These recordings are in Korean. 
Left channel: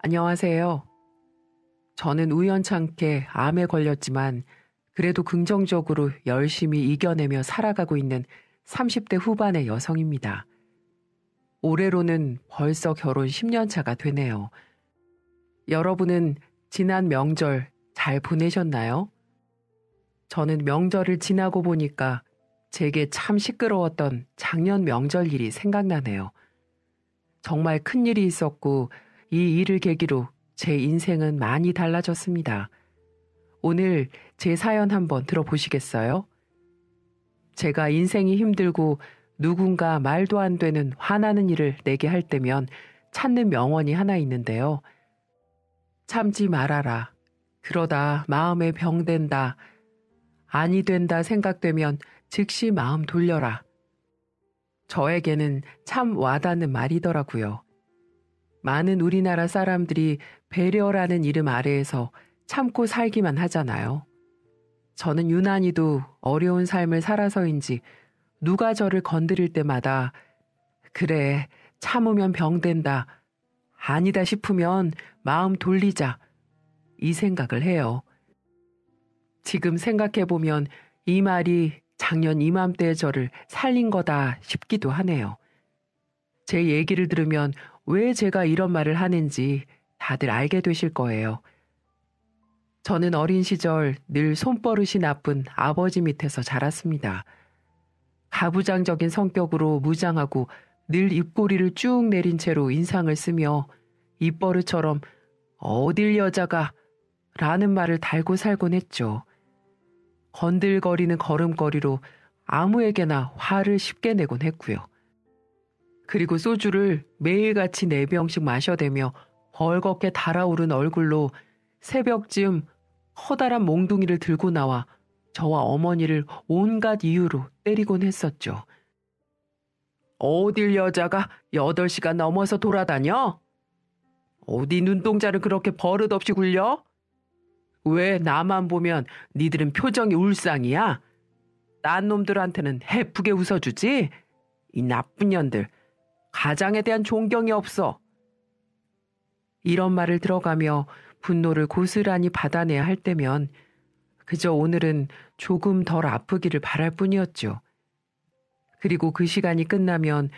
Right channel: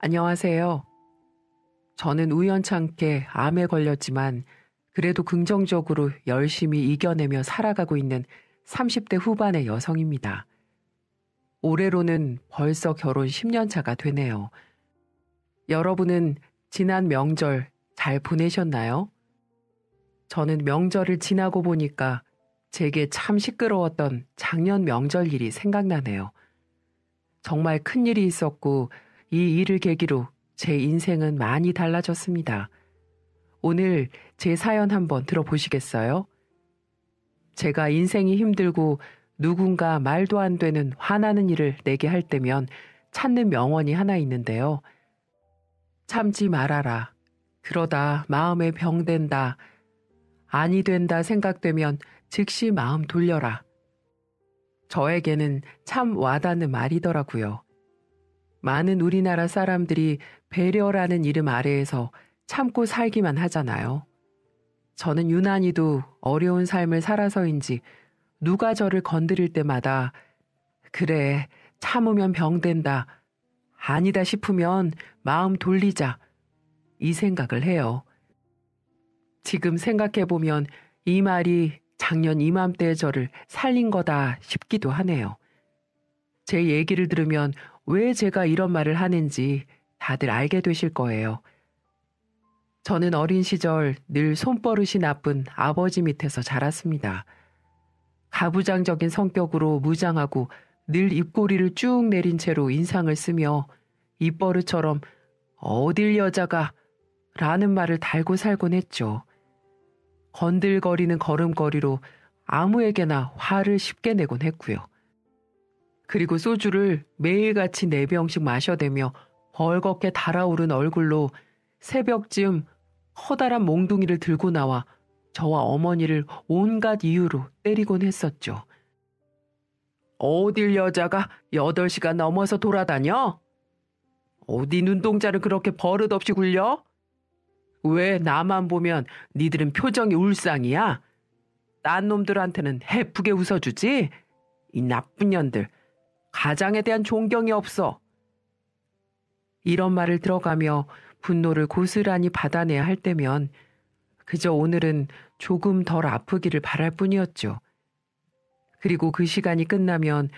안녕하세요. 저는 우연찮게 암에 걸렸지만 그래도 긍정적으로 열심히 이겨내며 살아가고 있는 30대 후반의 여성입니다. 올해로는 벌써 결혼 10년 차가 되네요. 여러분은 지난 명절 잘 보내셨나요? 저는 명절을 지나고 보니까 제게 참 시끄러웠던 작년 명절 일이 생각나네요. 정말 큰 일이 있었고 이 일을 계기로 제 인생은 많이 달라졌습니다. 오늘 제 사연 한번 들어보시겠어요? 제가 인생이 힘들고 누군가 말도 안 되는 화나는 일을 내게 할 때면 찾는 명언이 하나 있는데요. 참지 말아라. 그러다 마음에 병된다. 아니 된다 생각되면 즉시 마음 돌려라. 저에게는 참 와닿는 말이더라고요. 많은 우리나라 사람들이 배려라는 이름 아래에서 참고 살기만 하잖아요. 저는 유난히도 어려운 삶을 살아서인지 누가 저를 건드릴 때마다 그래, 참으면 병된다. 아니다 싶으면 마음 돌리자. 이 생각을 해요. 지금 생각해보면 이 말이 작년 이맘때 저를 살린 거다 싶기도 하네요. 제 얘기를 들으면 왜 제가 이런 말을 하는지 다들 알게 되실 거예요. 저는 어린 시절 늘 손버릇이 나쁜 아버지 밑에서 자랐습니다. 가부장적인 성격으로 무장하고 늘 입꼬리를 쭉 내린 채로 인상을 쓰며 입버릇처럼 어딜 여자가 라는 말을 달고 살곤 했죠. 건들거리는 걸음걸이로 아무에게나 화를 쉽게 내곤 했고요. 그리고 소주를 매일같이 4병씩 마셔대며 벌겋게 달아오른 얼굴로 새벽쯤 커다란 몽둥이를 들고 나와 저와 어머니를 온갖 이유로 때리곤 했었죠. 어딜 여자가 8시간 넘어서 돌아다녀? 어디 눈동자를 그렇게 버릇없이 굴려? 왜 나만 보면 니들은 표정이 울상이야? 딴 놈들한테는 해프게 웃어주지? 이 나쁜 년들. 가장에 대한 존경이 없어. 이런 말을 들어가며 분노를 고스란히 받아내야 할 때면 그저 오늘은 조금 덜 아프기를 바랄 뿐이었죠. 그리고 그 시간이 끝나면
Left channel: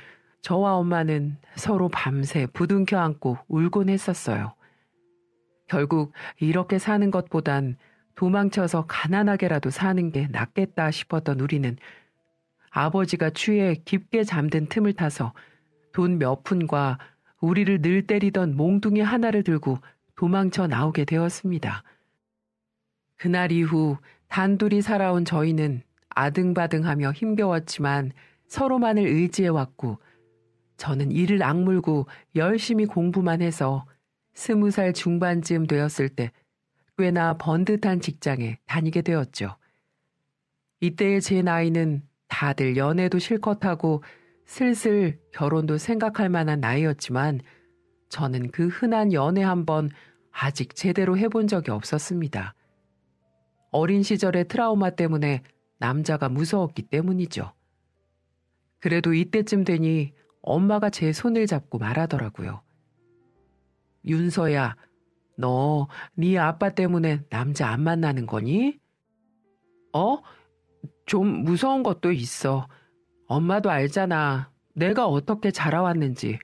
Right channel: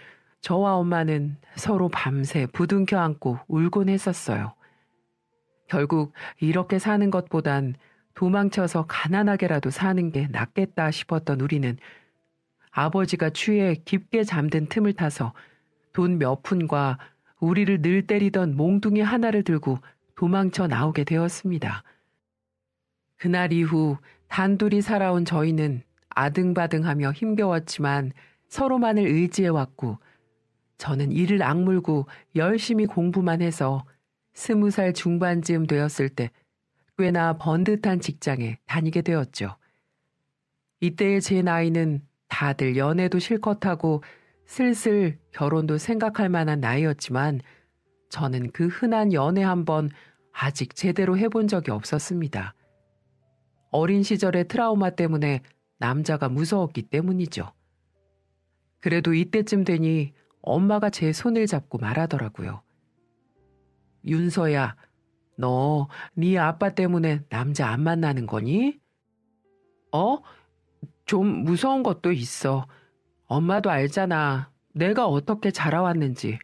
저와 엄마는 서로 밤새 부둥켜 안고 울곤 했었어요. 결국 이렇게 사는 것보단 도망쳐서 가난하게라도 사는 게 낫겠다 싶었던 우리는 아버지가 취해 깊게 잠든 틈을 타서 돈 몇 푼과 우리를 늘 때리던 몽둥이 하나를 들고 도망쳐 나오게 되었습니다. 그날 이후 단둘이 살아온 저희는 아등바등하며 힘겨웠지만 서로만을 의지해왔고 저는 이를 악물고 열심히 공부만 해서 20살 중반쯤 되었을 때 꽤나 번듯한 직장에 다니게 되었죠. 이때의 제 나이는 다들 연애도 실컷 하고 슬슬 결혼도 생각할 만한 나이였지만 저는 그 흔한 연애 한 번 아직 제대로 해본 적이 없었습니다. 어린 시절의 트라우마 때문에 남자가 무서웠기 때문이죠. 그래도 이때쯤 되니 엄마가 제 손을 잡고 말하더라고요. 윤서야, 너 네 아빠 때문에 남자 안 만나는 거니? 좀 무서운 것도 있어. 엄마도 알잖아. 내가 어떻게 자라왔는지.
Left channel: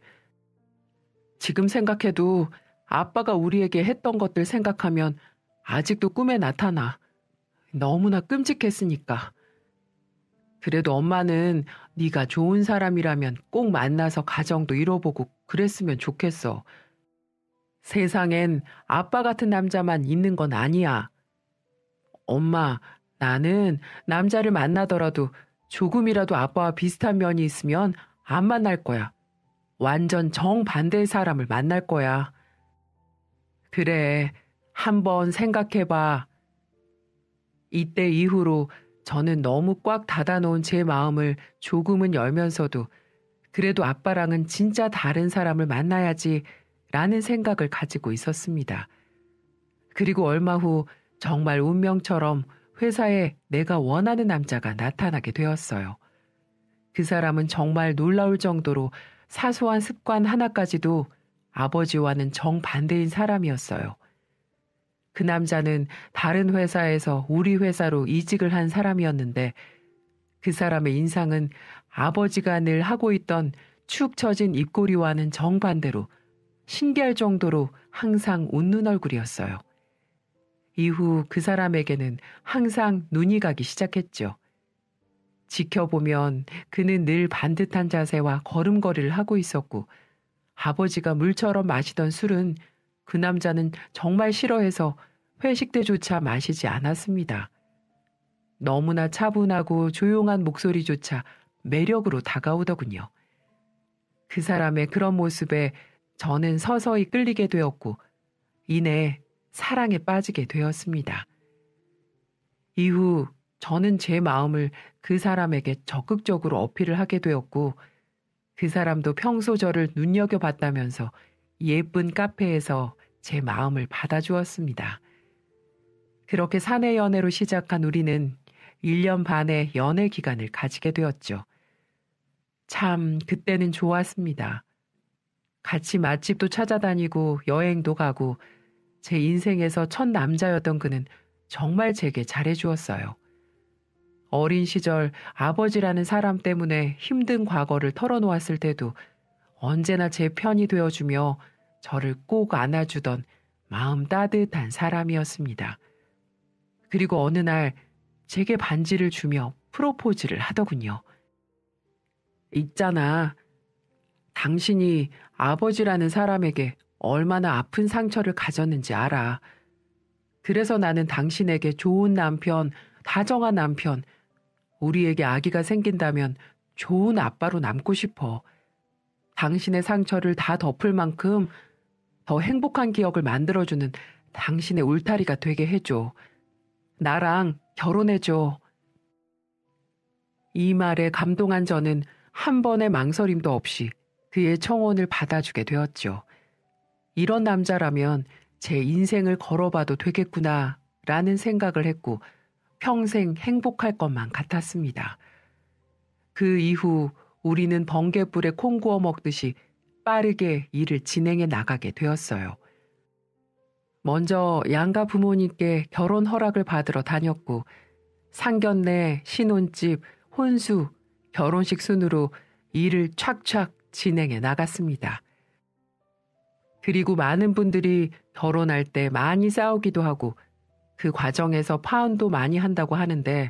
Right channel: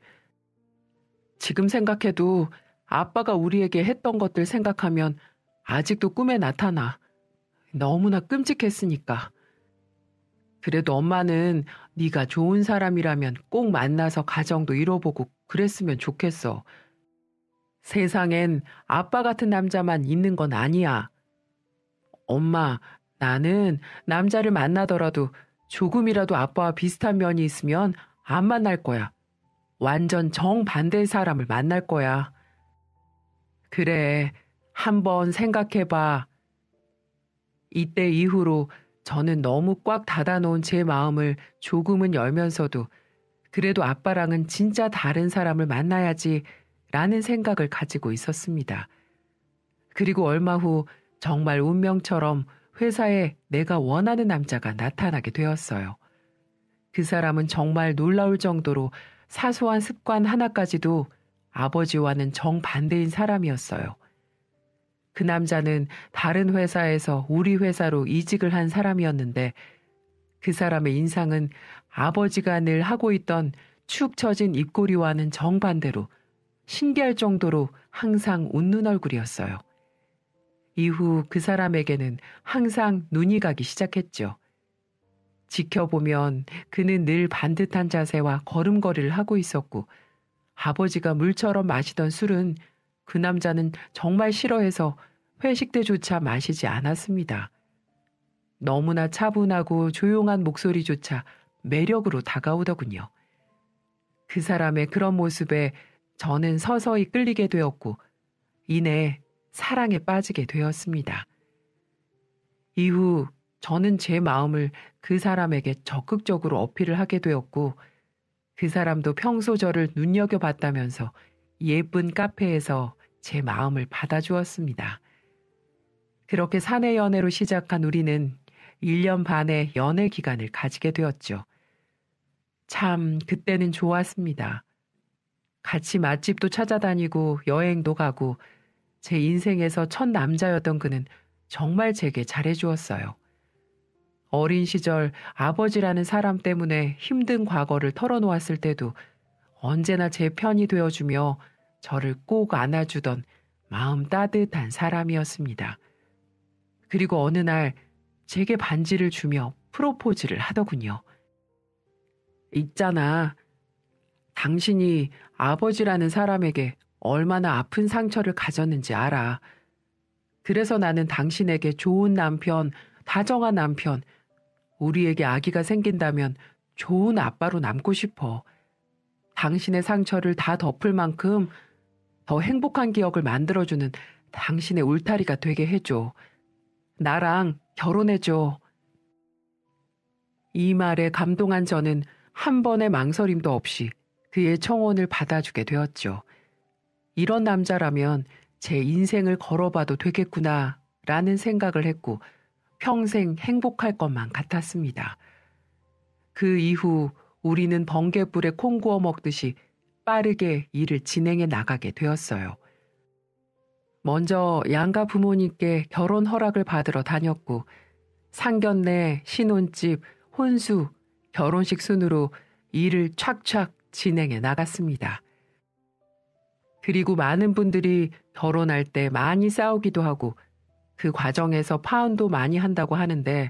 지금 생각해도 아빠가 우리에게 했던 것들 생각하면 아직도 꿈에 나타나. 너무나 끔찍했으니까. 그래도 엄마는 네가 좋은 사람이라면 꼭 만나서 가정도 이뤄보고 그랬으면 좋겠어. 세상엔 아빠 같은 남자만 있는 건 아니야. 엄마, 나는 남자를 만나더라도 조금이라도 아빠와 비슷한 면이 있으면 안 만날 거야. 완전 정반대의 사람을 만날 거야. 그래, 한번 생각해봐. 이때 이후로 저는 너무 꽉 닫아놓은 제 마음을 조금은 열면서도 그래도 아빠랑은 진짜 다른 사람을 만나야지 라는 생각을 가지고 있었습니다. 그리고 얼마 후 정말 운명처럼 회사에 내가 원하는 남자가 나타나게 되었어요. 그 사람은 정말 놀라울 정도로 사소한 습관 하나까지도 아버지와는 정반대인 사람이었어요. 그 남자는 다른 회사에서 우리 회사로 이직을 한 사람이었는데 그 사람의 인상은 아버지가 늘 하고 있던 축 처진 입꼬리와는 정반대로 신기할 정도로 항상 웃는 얼굴이었어요. 이후 그 사람에게는 항상 눈이 가기 시작했죠. 지켜보면 그는 늘 반듯한 자세와 걸음걸이를 하고 있었고 아버지가 물처럼 마시던 술은 그 남자는 정말 싫어해서 회식 때조차 마시지 않았습니다. 너무나 차분하고 조용한 목소리조차 매력으로 다가오더군요. 그 사람의 그런 모습에 저는 서서히 끌리게 되었고 이내 사랑에 빠지게 되었습니다. 이후 저는 제 마음을 그 사람에게 적극적으로 어필을 하게 되었고 그 사람도 평소 저를 눈여겨봤다면서 예쁜 카페에서 제 마음을 받아주었습니다. 그렇게 사내 연애로 시작한 우리는 1년 반의 연애 기간을 가지게 되었죠. 참 그때는 좋았습니다. 같이 맛집도 찾아다니고 여행도 가고 제 인생에서 첫 남자였던 그는 정말 제게 잘해주었어요. 어린 시절 아버지라는 사람 때문에 힘든 과거를 털어놓았을 때도 언제나 제 편이 되어주며 저를 꼭 안아주던 마음 따뜻한 사람이었습니다. 그리고 어느 날 제게 반지를 주며 프로포즈를 하더군요. 있잖아. 당신이 아버지라는 사람에게 얼마나 아픈 상처를 가졌는지 알아. 그래서 나는 당신에게 좋은 남편, 다정한 남편, 우리에게 아기가 생긴다면 좋은 아빠로 남고 싶어. 당신의 상처를 다 덮을 만큼 더 행복한 기억을 만들어주는 당신의 울타리가 되게 해줘. 나랑 결혼해줘. 이 말에 감동한 저는 한 번의 망설임도 없이 그의 청혼을 받아주게 되었죠. 이런 남자라면 제 인생을 걸어봐도 되겠구나 라는 생각을 했고 평생 행복할 것만 같았습니다. 그 이후 우리는 번갯불에 콩 구워 먹듯이 빠르게 일을 진행해 나가게 되었어요. 먼저 양가 부모님께 결혼 허락을 받으러 다녔고 상견례, 신혼집, 혼수, 결혼식 순으로 일을 착착 진행해 나갔습니다. 그리고 많은 분들이 결혼할 때 많이 싸우기도 하고 그 과정에서 파혼도 많이 한다고 하는데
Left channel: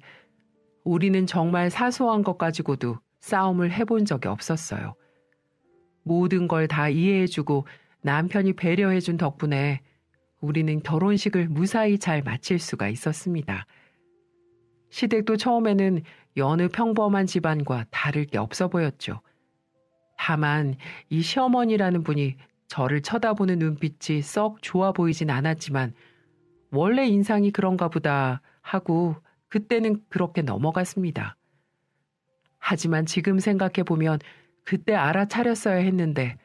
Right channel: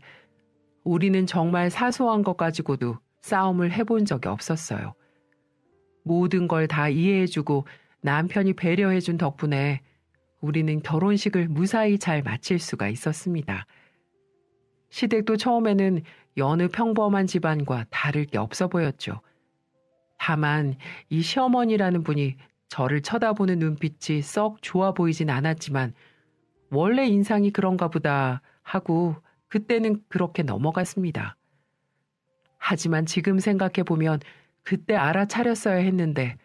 우리는 정말 사소한 것 가지고도 싸움을 해본 적이 없었어요. 모든 걸 다 이해해주고 남편이 배려해준 덕분에 우리는 결혼식을 무사히 잘 마칠 수가 있었습니다. 시댁도 처음에는 여느 평범한 집안과 다를 게 없어 보였죠. 다만 이 시어머니라는 분이 저를 쳐다보는 눈빛이 썩 좋아 보이진 않았지만 원래 인상이 그런가 보다 하고 그때는 그렇게 넘어갔습니다. 하지만 지금 생각해보면 그때 알아차렸어야 했는데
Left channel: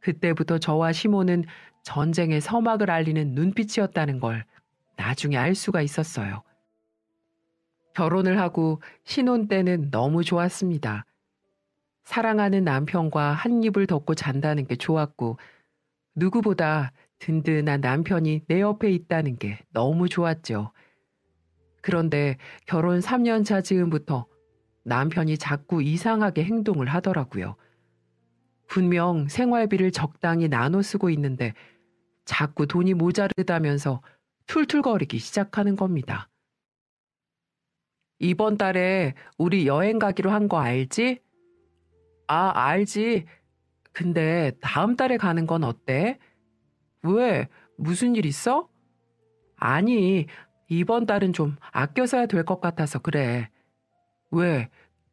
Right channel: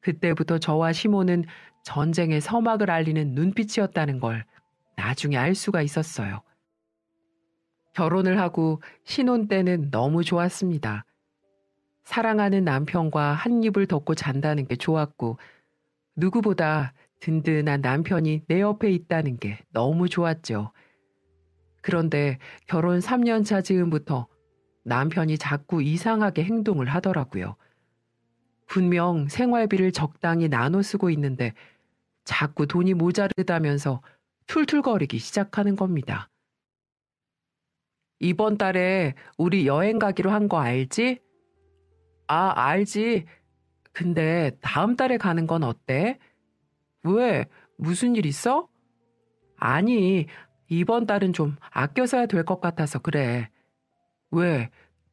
그때부터 저와 시모는 전쟁의 서막을 알리는 눈빛이었다는 걸 나중에 알 수가 있었어요. 결혼을 하고 신혼 때는 너무 좋았습니다. 사랑하는 남편과 한 입을 덮고 잔다는 게 좋았고 누구보다 든든한 남편이 내 옆에 있다는 게 너무 좋았죠. 그런데 결혼 3년 차 즈음부터 남편이 자꾸 이상하게 행동을 하더라고요. 분명 생활비를 적당히 나눠 쓰고 있는데 자꾸 돈이 모자르다면서 툴툴거리기 시작하는 겁니다. 이번 달에 우리 여행 가기로 한 거 알지? 아, 알지. 근데 다음 달에 가는 건 어때? 왜? 무슨 일 있어? 아니, 이번 달은 좀 아껴 써야 될 것 같아서 그래. 왜?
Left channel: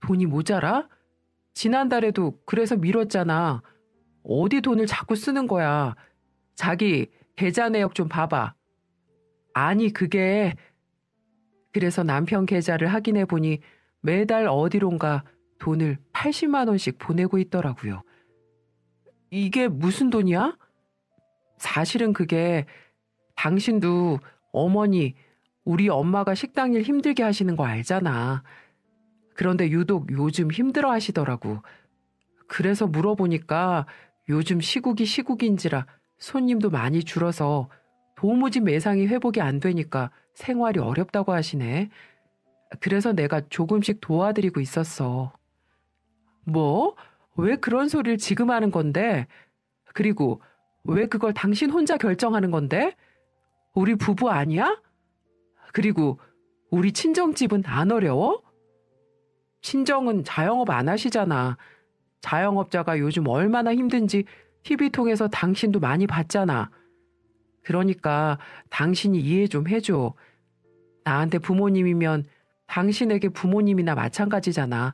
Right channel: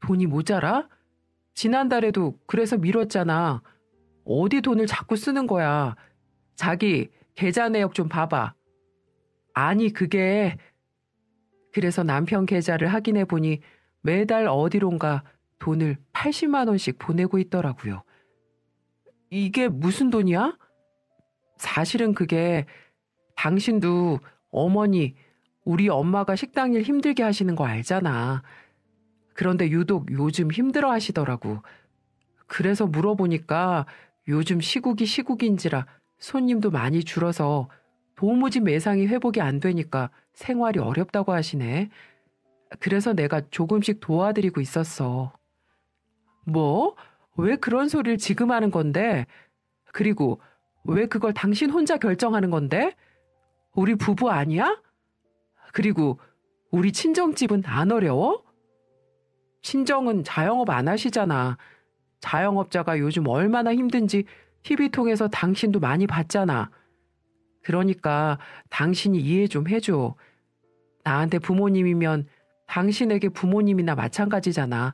돈이 모자라? 지난달에도 그래서 미뤘잖아. 어디 돈을 자꾸 쓰는 거야. 자기 계좌 내역 좀 봐봐. 아니, 그게... 그래서 남편 계좌를 확인해 보니 매달 어디론가 돈을 80만 원씩 보내고 있더라고요. 이게 무슨 돈이야? 사실은 그게 당신도 어머니, 우리 엄마가 식당 일 힘들게 하시는 거 알잖아. 그런데 유독 요즘 힘들어 하시더라고. 그래서 물어보니까 요즘 시국이 시국인지라 손님도 많이 줄어서 도무지 매상이 회복이 안 되니까 생활이 어렵다고 하시네. 그래서 내가 조금씩 도와드리고 있었어. 뭐? 왜 그런 소리를 지금 하는 건데? 그리고 왜 그걸 당신 혼자 결정하는 건데? 우리 부부 아니야? 그리고 우리 친정집은 안 어려워? 친정은 자영업 안 하시잖아. 자영업자가 요즘 얼마나 힘든지 TV 통해서 당신도 많이 봤잖아. 그러니까 당신이 이해 좀 해줘. 나한테 부모님이면 당신에게 부모님이나 마찬가지잖아.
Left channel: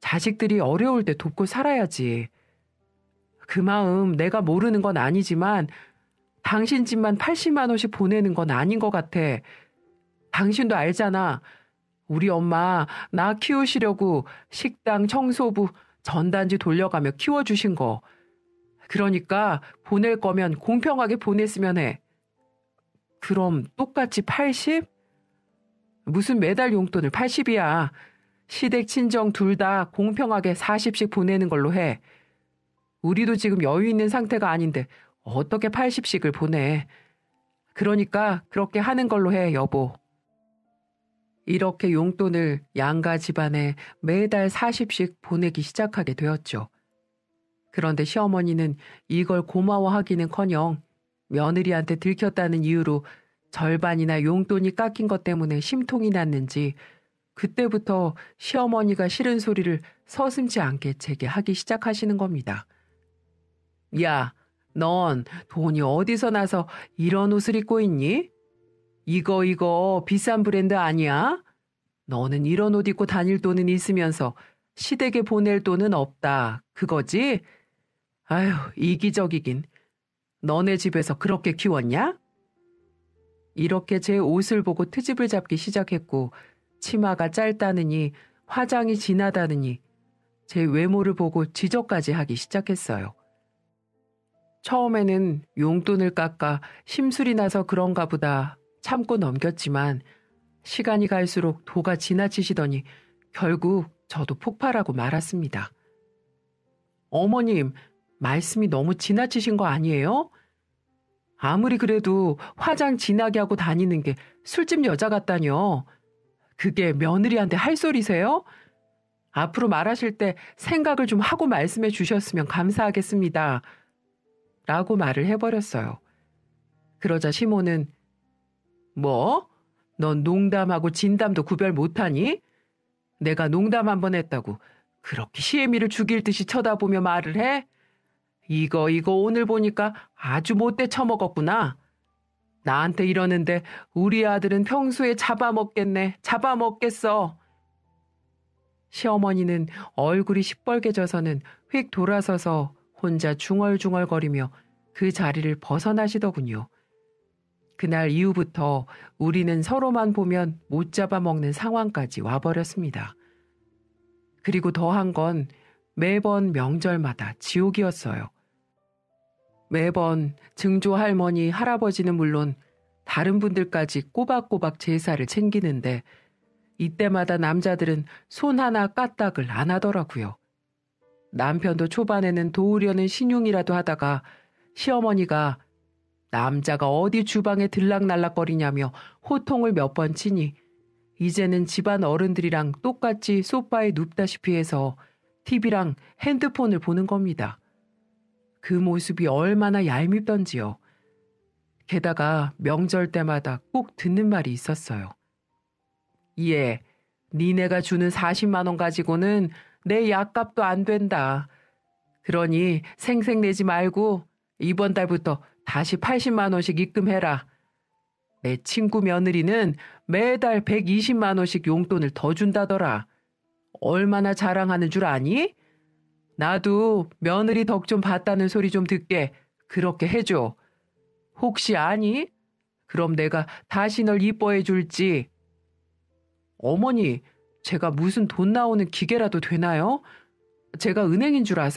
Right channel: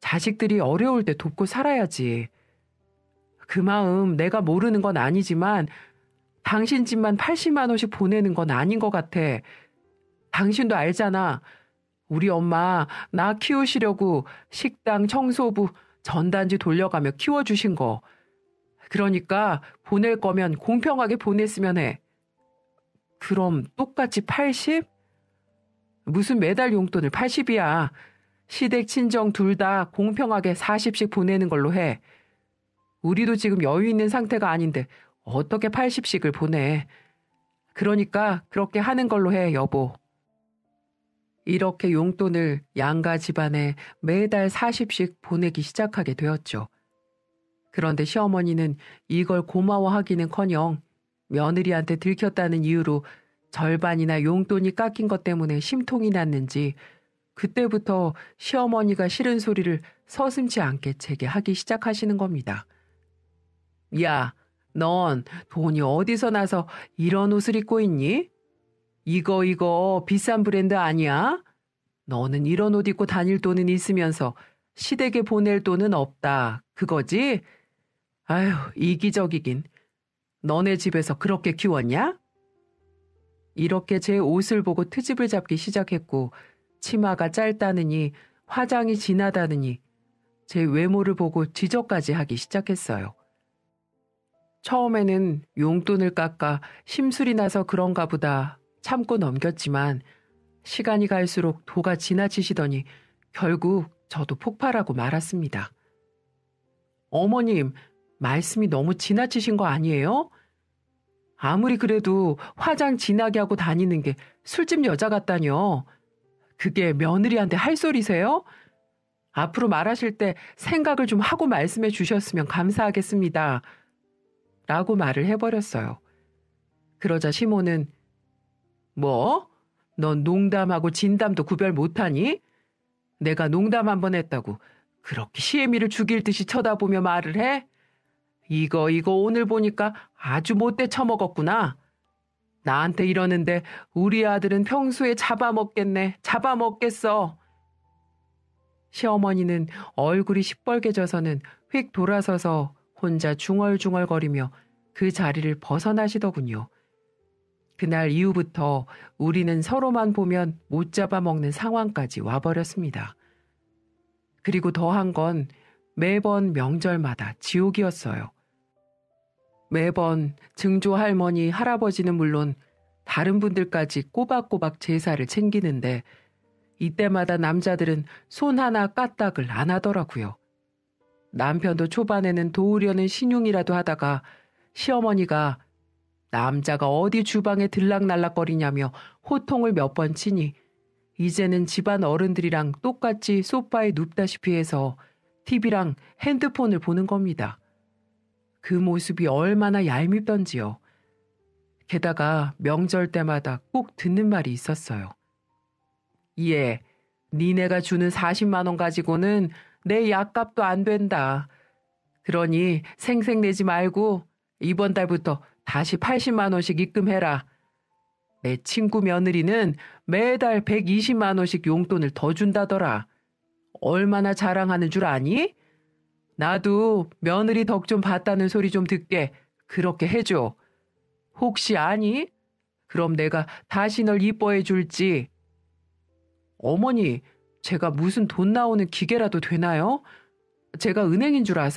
자식들이 어려울 때 돕고 살아야지. 그 마음 내가 모르는 건 아니지만 당신 집만 80만 원씩 보내는 건 아닌 것 같아. 당신도 알잖아. 우리 엄마 나 키우시려고 식당, 청소부, 전단지 돌려가며 키워주신 거. 그러니까 보낼 거면 공평하게 보냈으면 해. 그럼 똑같이 80? 무슨 매달 용돈을 80이야. 시댁, 친정 둘 다 공평하게 40씩 보내는 걸로 해. 우리도 지금 여유 있는 상태가 아닌데 어떻게 80씩을 보내. 그러니까 그렇게 하는 걸로 해, 여보. 이렇게 용돈을 양가 집안에 매달 40씩 보내기 시작하게 되었죠. 그런데 시어머니는 이걸 고마워하기는커녕 며느리한테 들켰다는 이유로 절반이나 용돈이 깎인 것 때문에 심통이 났는지 그때부터 시어머니가 싫은 소리를 서슴지 않게 제게 하기 시작하시는 겁니다. 야, 넌 돈이 어디서 나서 이런 옷을 입고 있니? 이거 비싼 브랜드 아니야? 너는 이런 옷 입고 다닐 돈은 있으면서 시댁에 보낼 돈은 없다. 그거지? 아휴, 이기적이긴. 너네 집에서 그렇게 키웠냐? 이렇게 제 옷을 보고 트집을 잡기 시작했고 치마가 짧다느니 화장이 진하다느니 제 외모를 보고 지적까지 하기 시작했어요. 처음에는 용돈을 깎아 심술이 나서 그런가 보다 참고 넘겼지만 시간이 갈수록 도가 지나치시더니 결국 저도 폭발하고 말았습니다. 어머님, 말씀이 너무 지나치신 거 아니에요? 아무리 그래도 화장 진하게 하고 다니는 게 술집 여자 같다뇨. 그게 며느리한테 할 소리세요? 앞으로 말하실 때 생각을 좀 하고 말씀해 주셨으면 감사하겠습니다. 라고 말을 해버렸어요. 그러자 시모는 뭐? 넌 농담하고 진담도 구별 못하니? 내가 농담 한 번 했다고 그렇게 시애미를 죽일 듯이 쳐다보며 말을 해? 이거 오늘 보니까 아주 못돼 처먹었구나. 나한테 이러는데 우리 아들은 평소에 잡아먹겠네. 잡아먹겠어. 시어머니는 얼굴이 시뻘개져서는 휙 돌아서서 혼자 중얼중얼거리며 그 자리를 벗어나시더군요. 그날 이후부터 우리는 서로만 보면 못 잡아먹는 상황까지 와버렸습니다. 그리고 더한 건 매번 명절마다 지옥이었어요. 매번 증조 할머니, 할아버지는 물론 다른 분들까지 꼬박꼬박 제사를 챙기는데 이때마다 남자들은 손 하나 까딱을 안 하더라고요. 남편도 초반에는 도우려는 신용이라도 하다가 시어머니가 남자가 어디 주방에 들락날락거리냐며 호통을 몇 번 치니 이제는 집안 어른들이랑 똑같이 소파에 눕다시피 해서 TV랑 핸드폰을 보는 겁니다. 그 모습이 얼마나 얄밉던지요. 게다가 명절 때마다 꼭 듣는 말이 있었어요. 예, 니네가 주는 40만 원 가지고는 내 약값도 안 된다. 그러니 생색내지 말고 이번 달부터 다시 80만 원씩 입금해라. 내 친구 며느리는 매달 120만 원씩 용돈을 더 준다더라. 얼마나 자랑하는 줄 아니? 나도 며느리 덕 좀 봤다는 소리 좀 듣게 그렇게 해줘. 혹시 아니? 그럼 내가 다시 널 이뻐해 줄지. 어머니, 제가 무슨 돈 나오는 기계라도 되나요? 제가 은행인 줄 아세요?